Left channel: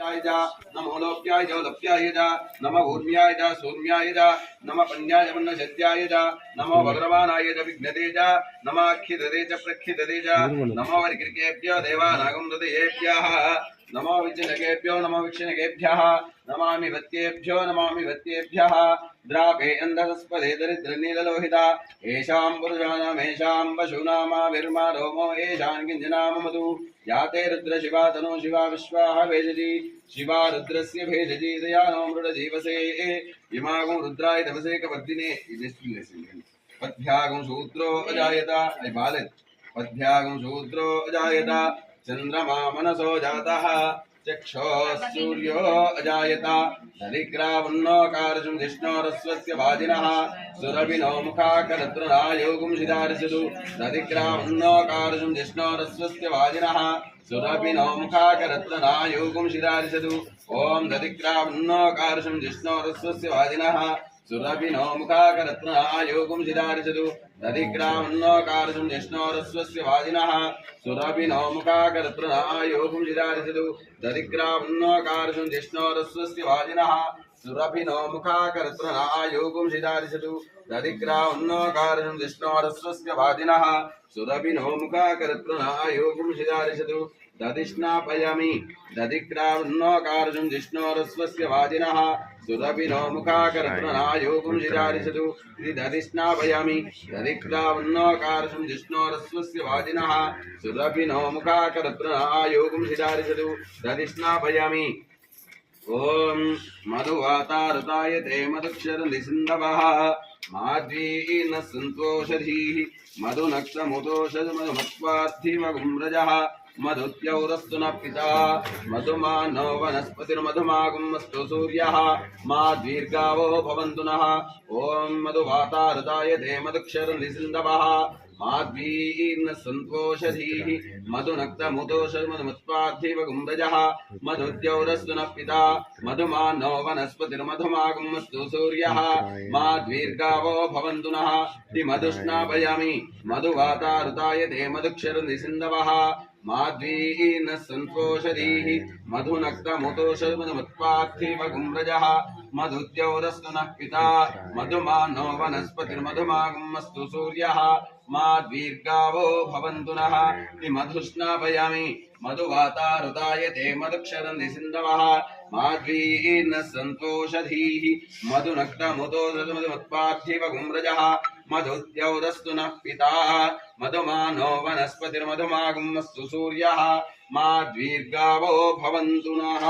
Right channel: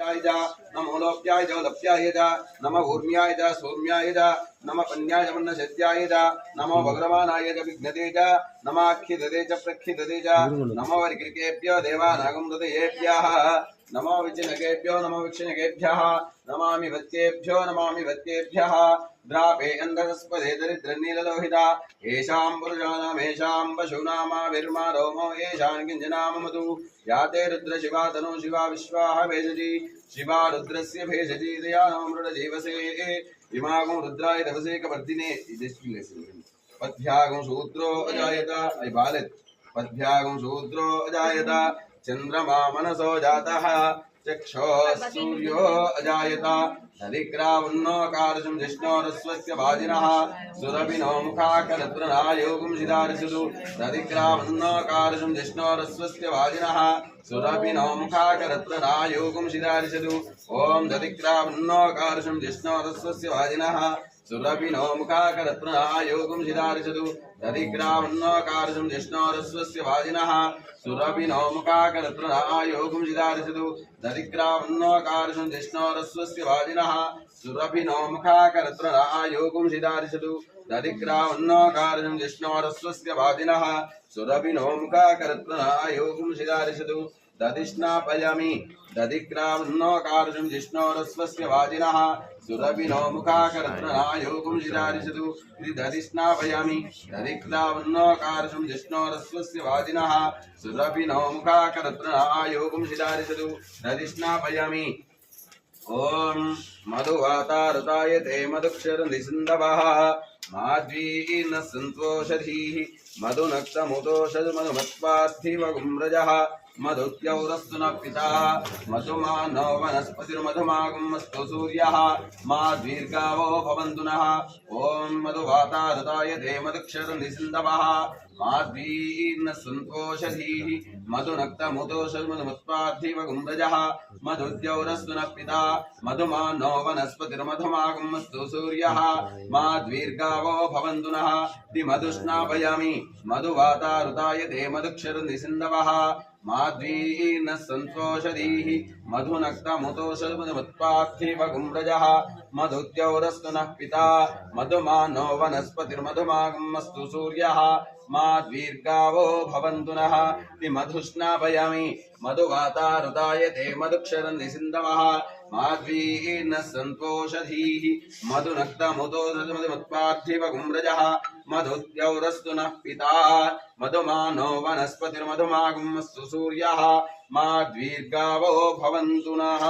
नमो लोप्याय लप्याय नम ऊर्म्याय सौम्याय नम पन्याय वन्नशत्याय नमो भद्रवानाय विघ्नते नमाख्यदे च प्रख्यदे नमो वर्कृकेभ्यो देवानागं हृदयेभ्यः नमो विचिनकेभ्यो नमो विक्षिणकेभ्यः नमामि वत्येभ्यः द्रापे अंधस्पदे दरिद्रनीललोहिता येषां पुरुषाणामेषां पशूनामाविर्मा रोमो येषां किञ्चिनाम मधु याते रुद्र शिवा तनो शिवा विश्वाः भेषजी शिवा रुद्रस्य भेषजी दयानो मृडजीवसे इमागं रुद्राय तपसे कवर्दिने पद्भ्यागं शूद्रो अजायत ऐ बालक पद्भ्यागं शूद्रो अजायत चंद्रमा मनसो जातः चक्षो सूर्यो अजायत धरिक्रावन्नोकारशं जिष्णोरस्वस्य वाजिनः सुरभिनो मुखाकरत्रणायोगुं शिदारिषदु धरिक्रावन्नोकारशं जिष्णोरस्वस्य वाजिनः सुरभिनो मुखाकरत्रणायोगुं शिदारिषदु ॐ धरिक्रावन्नोकारशं जिष्णोरस्वस्य वाजिनः सुरभिनो मुखाकरत्रणायोगुं शिदारिषदु धरिक्रावन्नोकारशं जिष्णोरस्वस्य वाजिनः सुरभिनो मुखाकरत्रणायोगुं शिदारिषदु धरिक्रावन्नोकारशं जिष्णोरस्वस्य वाजिनः सुरभिनो मुखाकरत्रणायोगुं शिदारिषदु धरिक्रावन्नोकारशं जिष्णोरस्वस्य वाजिनः सुरभिनो मुखाकरत्रणायोगुं शिदारिषदु दधिष्णापयामि दधिक्रावन्नोकारशं जिष्णोरस्वस्य वाजिनः सुरभिनो मुखाकरत्रणायोगुं शिदारिषदु दधिष्णापयामि दधिक्रावन्नोकारशं जिष्णोरस्वस्य वाजिनः सुरभिनो मुखाकरत्रणायोगुं शिदारिषदु दधिष्णापयामि ओम मधुवातारताय ते मधुक्षरनिसिन्धवः माध्वीन सन्तोषधीः मधुनक्तमुदोषध मधुमत्पार्थिवगुम्रजः मधुत्यौरस्तु न पिता मधुमानो वनस्पतिर्मधुमागुमस्तु सूर्यः माद्वीर्गावो भवन्तु नः ॐ मधुवातारताय ते मधुक्षरनिसिन्धवः माध्वीर्न सन्तोषधीः मधुनक्तमुदोषध मधुमत्पार्थिवगुम्रजः मधुद्यौरस्तु न पिता मधुमानो वनस्पतिर्मधुमागुमस्तु सूर्यः माद्वीर्गावो भवन्तु नः मधुस्नापयामि मधुवातारुताय ते मधुक्षरनिसिन्धवः माध्वीर्न सन्तोषधीः मधुनक्तमुदोषध मधुमत्पार्थिवगुम्रजः मधुद्यौरस्तु नः पिता मधुमानो वनस्पतिर्मधुमागुमस्तु सूर्यः माद्वीर्गावो भवन्तु नः मधुस्नापयामि मधुवातारुताय ते मधुक्षरनिसिन्धवः माध्वीर्न सन्तोषधीः मधुनक्तमुदोषध मधुमत्पार्थिवगुम्रजः मधुद्यौरस्तु नः पिता मधुमानो वनस्पतिर्मधुमागुमस्तु सूर्यः माद्वीर्गावो भवन्तु नः।